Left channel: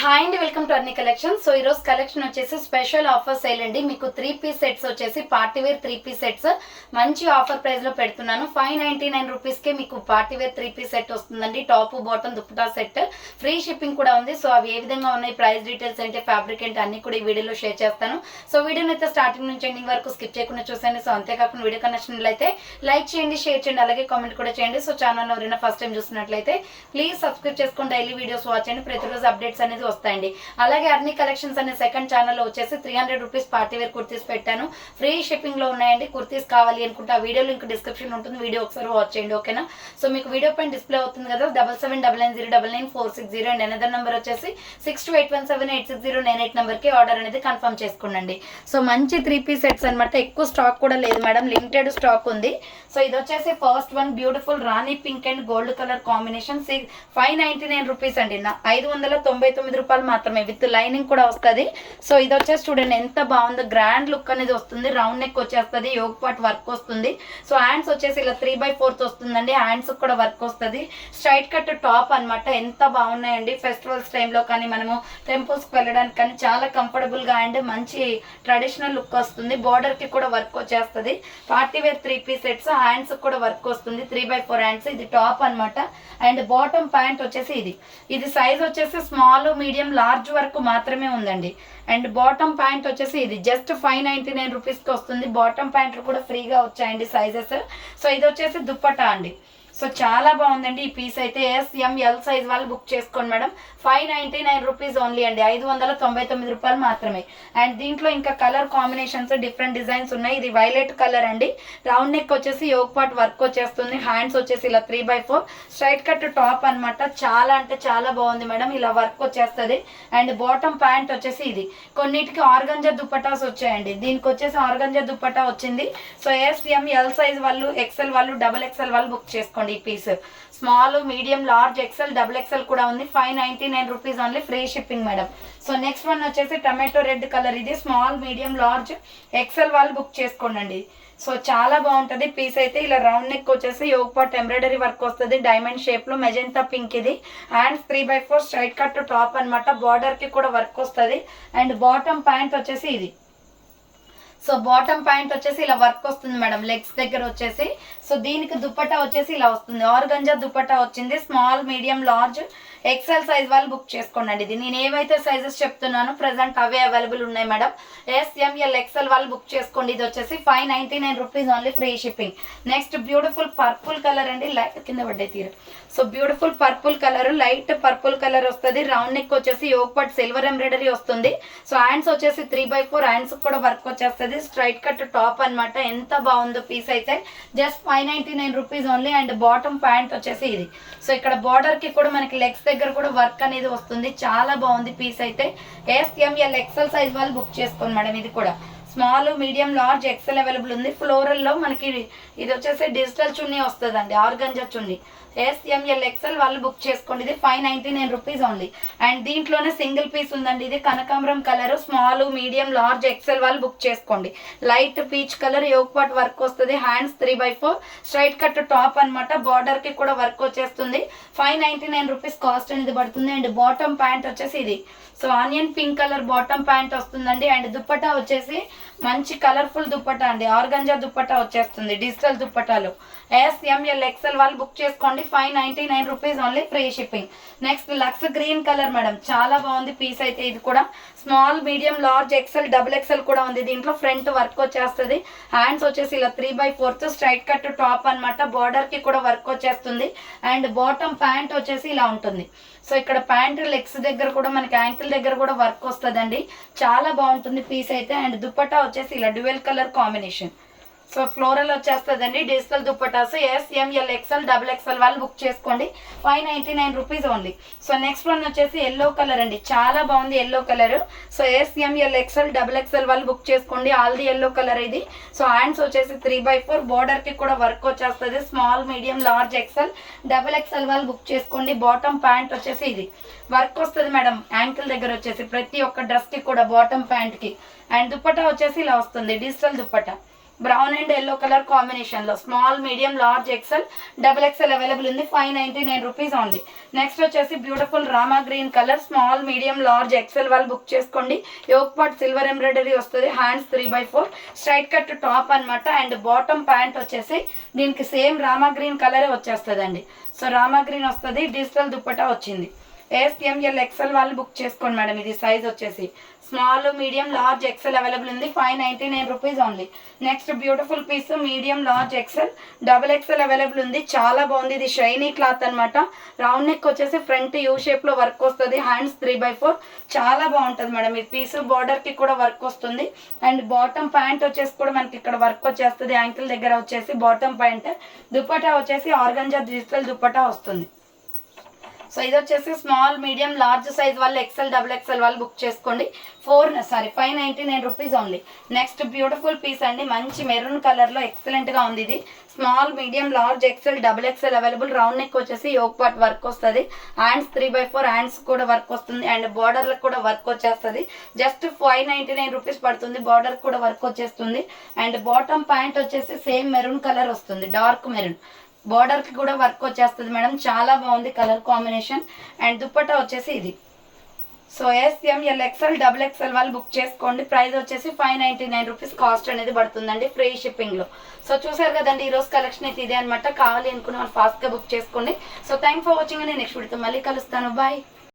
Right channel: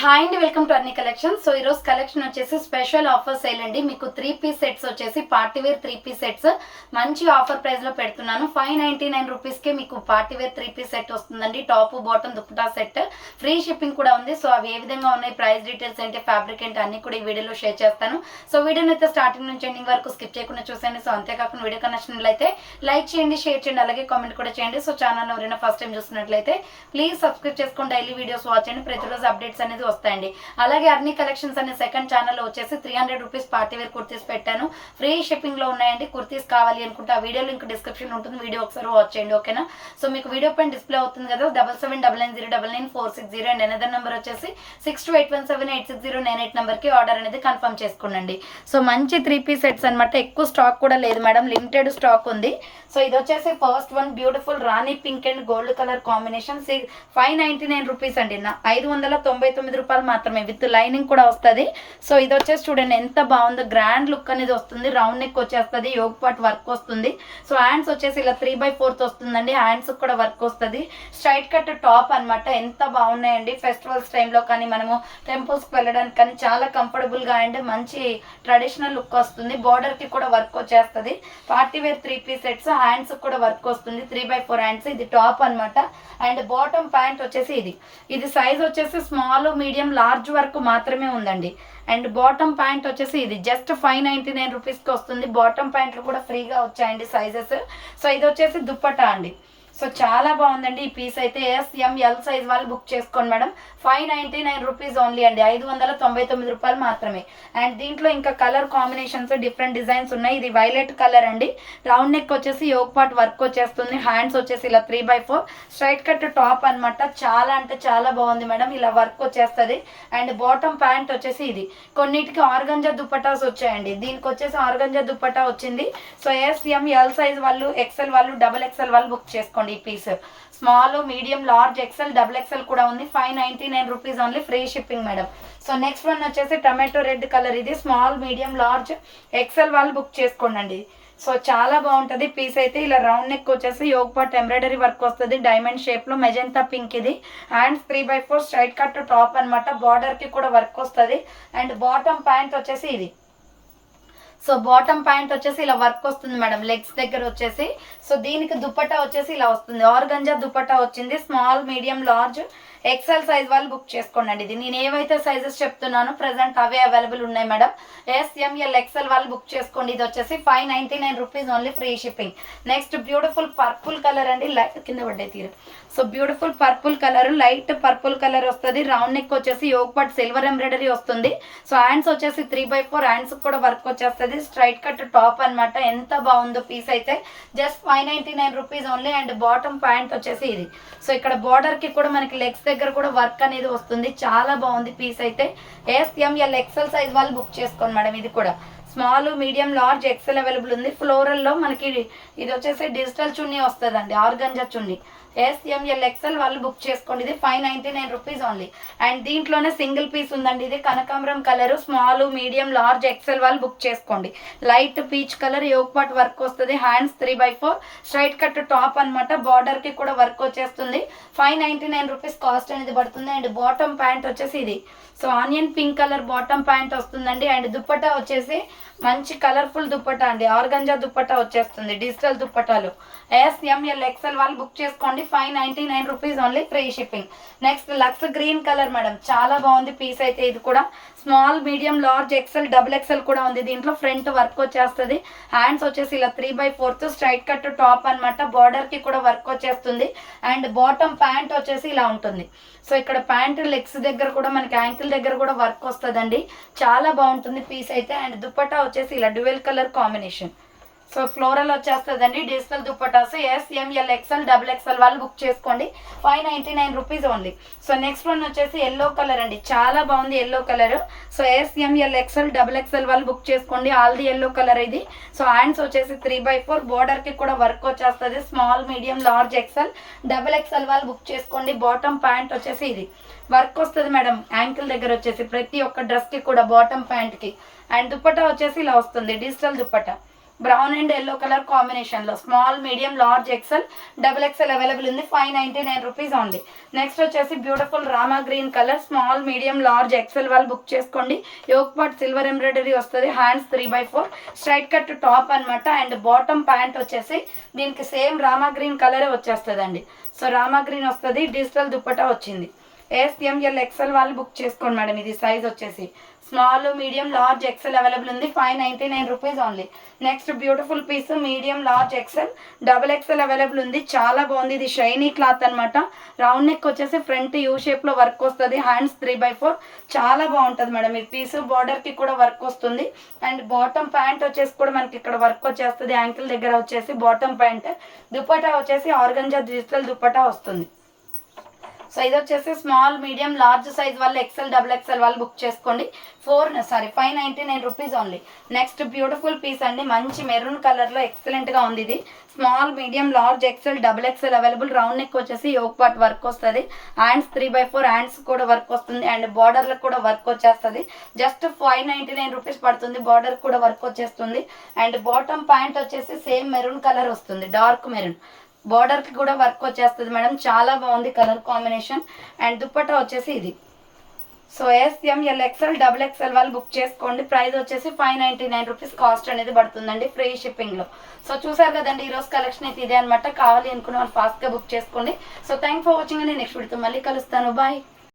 Hi అండి, welcome to అన్ని collection. So ఈరోజు కలెక్షన్ వచ్చేసి స్పెషల్ ఆఫర్ సేల్ అండి. మీకు 3-పీస్ సెట్స్ వచ్చేసి పార్టీవేర్ 3-పీస్ సెట్స్ మంచి ఆఫర్ ప్రైస్లో పెడుతున్నాను. 599 రూపీస్కే మీకు పార్టీవేర్ 3-పీస్ సెట్ వస్తుందండి. Top bottom dupatta set, free shipping కూడా ఉంది. సో అవి ఏ విధంగా ఉన్నాయి, ప్రైస్ డీటెయిల్స్ ఏంటి, ఫ్యాబ్రిక్ ఏంటి అన్ని కూడా ఈ వీడియోలో షేర్ చేస్తాను. సో వీడియోని అయితే స్టార్టింగ్ నుంచి ఎండింగ్ వరకు స్కిప్ చేయకుండా చూసేయండి. సో అంతేకాకుండా వీడియో కనెక్షన్లయితే లైక్ చేయండి, షేర్ చేయండి, అలాగే కామెంట్ కూడా చేయండి. సో ఛానల్ ఎవరైనా ఫస్ట్ టైం చూస్తున్నట్లయితే ప్లీజ్ సబ్స్క్రైబ్ చేసుకొని డైలీ వీడియోస్ వాచ్ చేయండి. ప్రతిరోజు అప్డేట్స్ అనేది వస్తాయండి. అలాగే అన్ని కలెక్షన్స్ అనే సెకండ్ ఛానల్లో వచ్చేసి 300 రూపీస్ పార్టీవేర్ కుర్తీస్ పెట్టాను. ఫ్రీ షిప్పింగ్ లో ఉన్నాయండి. కుర్తీస్ కావాలి అనుకుంటే ఆ వీడియో లింక్ డిస్క్రిప్షన్ ఉంటుంది, వీడియో ఒకసారి వాచ్ చేయండి. ఓకేనా? సో మీకు వీడియో పైన డిస్ప్లే అవుతుంది కదా, 7799099460 అండ్ అనదర్ నెంబర్ వచ్చేసి 6281786098 నెంబర్కి ఆర్డర్ అనేది కన్ఫర్మ్ చేసుకోండి. సో మంచి 3-పీస్ సెట్స్ అనమాట. ఎక్కువ స్టాక్ కూడా లేదు మేడం, లిమిటెడ్ స్టాక్ ఉంది. సో ఇది వచ్చేసి first one beautiful Rani pink and gold colour combination. 599 rupees అండి, 599 రూపాయలు మాత్రమే, విత్ లైనింగ్ కూడా వస్తుంది. సో ఇది వచ్చేసి చూడండి ఎంత బాగుందో, గ్రాండ్ లుక్ అనేది వస్తుంది. రౌండ్ నెక్ వచ్చేస్తుంది, యోగ్ పార్ట్ వర్క్ వస్తుంది. సో హ్యాండ్స్ వచ్చేసి ఇలా 3/4 వస్తుందండి, హ్యాండ్స్ కూడా వర్క్ వస్తుంది. స్ట్రైట్ కట్ టాప్ అనమాట. ఎంత బాగున్నాయండి, ఫెస్టివల్స్ టైంలో కానీ మనము టెంపుల్స్కి వెళ్ళడానికి కానీ చాలా కంఫర్టబుల్గా అండ్ మంచి ట్రెడిషనల్ లుక్ వస్తుంది. బార్డర్కి కూడా వర్క్ వచ్చేస్తుంది. పార్టీవేర్ 3-పీస్ సెట్స్, హ్యాండ్స్ కూడా వర్క్ వస్తుంది. 3/4 హ్యాండ్స్. ఇది టాప్ అనమాట. అండ్ బాటమ్ ప్యాంట్ వచ్చేసి ఇది సైజ్ వచ్చేసి స్మాల్, మీడియం, లార్జ్ వరకు మాత్రమే ఉందండి. అండ్ బాటమ్ ప్యాంట్ వచ్చేసి ఇది జస్ట్ 599 రూపీస్కి వస్తుంది. బాటమ్ ప్యాంట్లు కూడా ఫ్రీగా వచ్చాయండి సైజెస్. సో ఇది వచ్చేసి దుప్పటా అండి. సో చాలా బాగుందండి ఈ పీస్ అయితే. ఎస్-ఎం-ఎల్ సైజ్ వాళ్ళు బుక్ చేసుకోండి మేడం. 599 రూపీస్ ఓన్లీ అండి, 599 రూపాయలు మాత్రమే. అండ్ దీంట్లో ఇంకా కలర్ కాంబినేషన్స్, డిఫరెంట్ డిజైన్స్ ఉన్నాయి. ఇది వైలెట్ కలర్ అండి. రౌండ్ నెక్ వచ్చేసి యోగ్ పార్ట్ వర్క్ వచ్చేస్తుంది. హ్యాండ్స్ వచ్చేసి ఇలా 3/4 స్ట్రైట్ కట్ టాప్ అనమాట. చాలా అంటే చాలా బాగుంది మేడం, ఇలా వర్క్ వచ్చేస్తుంది. అండ్ బాటమ్ ప్యాంట్ వచ్చేసి ఇది. కొన్నిటికి ఆర్గంజా దుప్పటాస్ వచ్చాయండి, దీనికి వచ్చేసి ఆర్గంజా దుప్పటా వచ్చింది. సో ఎస్-ఎం-ఎల్ సైజ్ వాళ్ళు, ఎక్సెల్ వాళ్ళు, XXL వాళ్ళు బుక్ చేసుకోండి. ఈ piece small, medium, large, XL, XXL కూడా ఉంది. 599 rupees only, free shipping madam. So next one వచ్చేసి టమాటో రెడ్ కలర్. ఇది స్మాల్, మీడియం, లార్జ్, ఎక్సెల్ వాళ్ళు బుక్ చేసుకోండి. సో చాలా బాగుంటుంది పీస్ అయితే. ఇలా రౌండ్ నెక్ వచ్చేసి యోగ్ పార్ట్ ఎంబ్రాయిడరీ వర్క్ వస్తుంది, డైమండ్ షేప్ లో, మెజెంతా పింక్. ఇది హ్యాండ్స్ 3/4 స్ట్రైట్ కట్ టాప్ అనమాట. బార్డర్ కి కూడా వర్క్ వస్తుంది. అండ్ బాటమ్ ప్యాంట్ వచ్చేసి ఇది. సో బాటమ్ ప్యాంట్ వచ్చేసి ఇలా వర్క్ వస్తుంది మేడం, లెగ్స్ దగ్గర వచ్చేసి. సో దీనికి దుప్పటా వచ్చేసి ఇలా వస్తుంది, ఆర్గంజా దుప్పటా వచ్చింది. Small, medium, large, XL size వాళ్ళు బుక్ చేసుకోండి. ఇది నేను ఏవైతే సైజెస్ చెప్తున్నానో ప్రెసెంట్ అవే అవైలబుల్ ఉన్నాయి మేడం. ఎస్-ఎం-ఎల్ ఎక్సెల్ వాళ్ళు బుక్ చేసుకోండి. ఇది వచ్చేసి 599 rupees only, free shipping. Next beautiful purple colour అండి, కింద పడ్డాయి తీరు. So beautiful purple colour, light purple colour వస్తుంది. రౌండ్ నెక్ వచ్చేసి యోగ్ పార్ట్ సిల్వర్ ఎంబ్రాయిడరీ వస్తుంది. సో హ్యాండ్స్ వచ్చేసి 3/4 హ్యాండ్స్ కూడా వర్క్ వచ్చేస్తుంది. స్ట్రైట్ కట్ టాప్ అనమాట. ఎంత బాగుందో పీస్ అయితే. Just 599 rupees only. And bottom pant వచ్చేసి ఇది. సో ఇక్కడ బార్డర్ కి కూడా మనకి లెగ్స్ దగ్గర కూడా వర్క్ అనేది వస్తుంది. చాలా బాగుంది పీస్ అయితే. ఎస్-ఎం-ఎల్ ఎక్సెల్ సైజ్ వాళ్ళు బుక్ చేసుకోండి మేడం. ఇది కూడా small, medium, large, XL available ఉంది. ఫ్లోరల్ లో మనకి ఇది వచ్చేసి డిజిటల్ చున్నీ వస్తుందండి, ఆర్గంజా చున్నీ. ఎస్-ఎం-ఎల్ ఎక్సెల్ వాళ్ళు బుక్ చేసుకోండి. ఇది 599 రూపీస్ ఓన్లీ. అండ్ దీంట్లోనే సింగిల్ పీస్ ఉందండి. ఇది కనకాంబరం colour, small, medium, large, XL వాళ్ళు బుక్ చేసుకోండి. Light peach colour, yoke part work వస్తుంది. హ్యాండ్స్ 3/4 స్ట్రైట్ కట్ టాప్ అనమాట. బార్డర్ కి కూడా వర్క్ వచ్చేస్తుంది. 599 రూపీస్ కాస్ట్ అనేది పడుతుంది. అండ్ బాటమ్ ప్యాంట్ వచ్చేసి ఇది. So onion pink colour bottom pant వస్తుందండి. అండ్ దుప్పటా వచ్చేసి మంచి కలర్ఫుల్ దుప్పటా అండి, ఆర్గంజా దుప్పటా వచ్చేస్తుంది, డిజిటల్ దుప్పటాలు. ఎస్-ఎం-ఎల్ ఎక్సెల్ వాళ్ళు బుక్ చేసుకోండి. 599 rupees only, free shipping. Next lux green colour madam, చాలా బాగుంది పీస్ అయితే. ఇది కూడా small, medium, large, XL, XXL కూడా ఉంది. దీంట్లో ఫ్రంట్ వర్క్ వచ్చేస్తుంది. హ్యాండ్స్ వచ్చేసి ఇలా 3/4 స్ట్రైట్ కట్ టాప్ అనమాట. బార్డర్ కి కూడా వర్క్ వచ్చేస్తుంది. అండ్ బాటమ్ ప్యాంట్ వచ్చేసి ఇలా ఉంటుంది. సో ఇక్కడ ప్యాంట్ లెగ్స్ దగ్గర కూడా మనకి యాంకిల్ దగ్గర కూడా వర్క్ వస్తుందండి. చాలా బాగుంటుంది పీస్ అయితే. అండ్ దుప్పటా వచ్చేసి ఇలా dual colour combination. So floral వచ్చేస్తుందండి, digital dupattas. S M L XL, XXL వాళ్ళు బుక్ చేసుకోండి. 599 rupees only. So next one వచ్చేసి ఎల్లో కలర్ అండి, చాలా బాగుంది yellow colour. So S M L XL, XXL వాళ్ళు బుక్ చేసుకోండి. ఆల్ ది ఎల్లో కలర్ ఇది. సో హ్యాండ్స్ వచ్చేసి 3/4 బార్డర్ కి కూడా వర్క్ వచ్చేస్తుంది. Small, medium, large, XL, XXL వాళ్ళు బుక్ చేసుకోండి. బాటమ్ ప్యాంట్ వచ్చేసి ఇది వర్క్ వస్తుంది మేడం, యాంకిల్ దగ్గర వచ్చేసి ప్రతి ఒక్క డ్రెస్ కి కూడా బాటమ్ ప్యాంట్ కి. అండ్ దుప్పటా వచ్చేసి ఇలా వస్తుంది, digital dupatta. Brown and yellow colour కాంబినేషన్లో small medium large XL double XL available ఉంది. 599 రూపీస్ ఓన్లీ. నెక్స్ట్ వచ్చేసి beautiful Rama green colour small medium large XL వాళ్ళు బుక్ చేసుకోండి. యోక్ పార్ట్ సిల్వర్ ఎంబ్రాయిడరీ వస్తుంది. హ్యాండ్స్ 3/4 స్ట్రైట్ కట్ టాప్ అనమాట. And bottom pant వచ్చేసి దీనికి same Rama green కలరే వచ్చేస్తుందండి. సో రామా గ్రీన్ వస్తుంది. డిజిటల్ దుప్పటా వచ్చింది. SML XL వాళ్ళు బుక్ చేసుకోండి మేడం. ఇది సైజ్ వచ్చేసి small medium large XL available ఉంది. 599 rupees only. Next beautiful piece medium large XL double XL available ఉంది. చాలా బాగుంది. ఇది షైనీ క్లాత్ అనమాట. రౌండ్ నెక్ వచ్చేసి ఫ్రంట్ యూ షేప్లో వర్క్ వస్తుంది. హ్యాండ్స్ 3/4 చాలా బాగుంటుంది మేడం. ఈ పీస్ బార్డర్కి కూడా వర్క్ వస్తుంది. అండ్ బాటమ్ ప్యాంట్ వచ్చేసి కూడా మనకి ఇక్కడ వర్క్ వచ్చేస్తుంది. యాంకిల్ దగ్గర వచ్చేసి బాటమ్ ప్యాంట్. దుప్పటా వచ్చేసి ఆర్గంజా డిజిటల్ దుప్పటా వస్తుంది. సో ఇది వచ్చేసి స్మాల్ మీడియం లార్జ్ సైజ్ వాళ్ళు ఎక్సెల్ డబుల్ ఎక్సెల్ వాళ్ళు బుక్ చేసుకోండి. 599 rupees only. Next beautiful piece అండి. మంచి మెరూన్ కలర్లో ఎక్సలెంట్గా ఉంది. ఇది small medium large XL double XL available. Round neck వచ్చేసి యోక్ పార్ట్ వర్క్ వస్తుంది. హ్యాండ్స్ 3/4 హ్యాండ్స్ కూడా వర్క్ వస్తుంది. అండ్ బార్డర్లకు కూడా వర్క్ వచ్చేస్తుంది. జస్ట్ 599 రూపీస్ పడుతుంది. బార్డర్ కూడా వర్క్ వచ్చేస్తుంది. అండ్ బాటమ్ ప్యాంట్ వచ్చేసి సేమ్ మెరూన్ కలర్ వస్తుంది. Dark maroon. బార్డర్కి కూడా వర్క్ వచ్చేస్తుంది మేడం. చాలా బాగుంది కలర్ కాంబినేషన్. అండ్ దుప్పట్టా వచ్చేసి ఇది. So SML XL double XL వాళ్ళు బుక్ చేసుకోండి. ప్రైస్ వచ్చేసి 599 రూపీస్ కాస్ట్ అనేది పడుతుందండి ఫ్రీ షిప్పింగ్లో. సో చూసారు కదండి ఈరోజు కలెక్షన్ అయితే ఇదే అనమాట. కావాలి అనుకున్న వాళ్ళు ఫాస్ట్గా బుక్ చేసుకోండి. సో థ్యాంక్ ఫర్ వాచింగ్ అండి. నెక్స్ట్ వీడియోతో మళ్ళీ కలుస్తాను. బాయ్.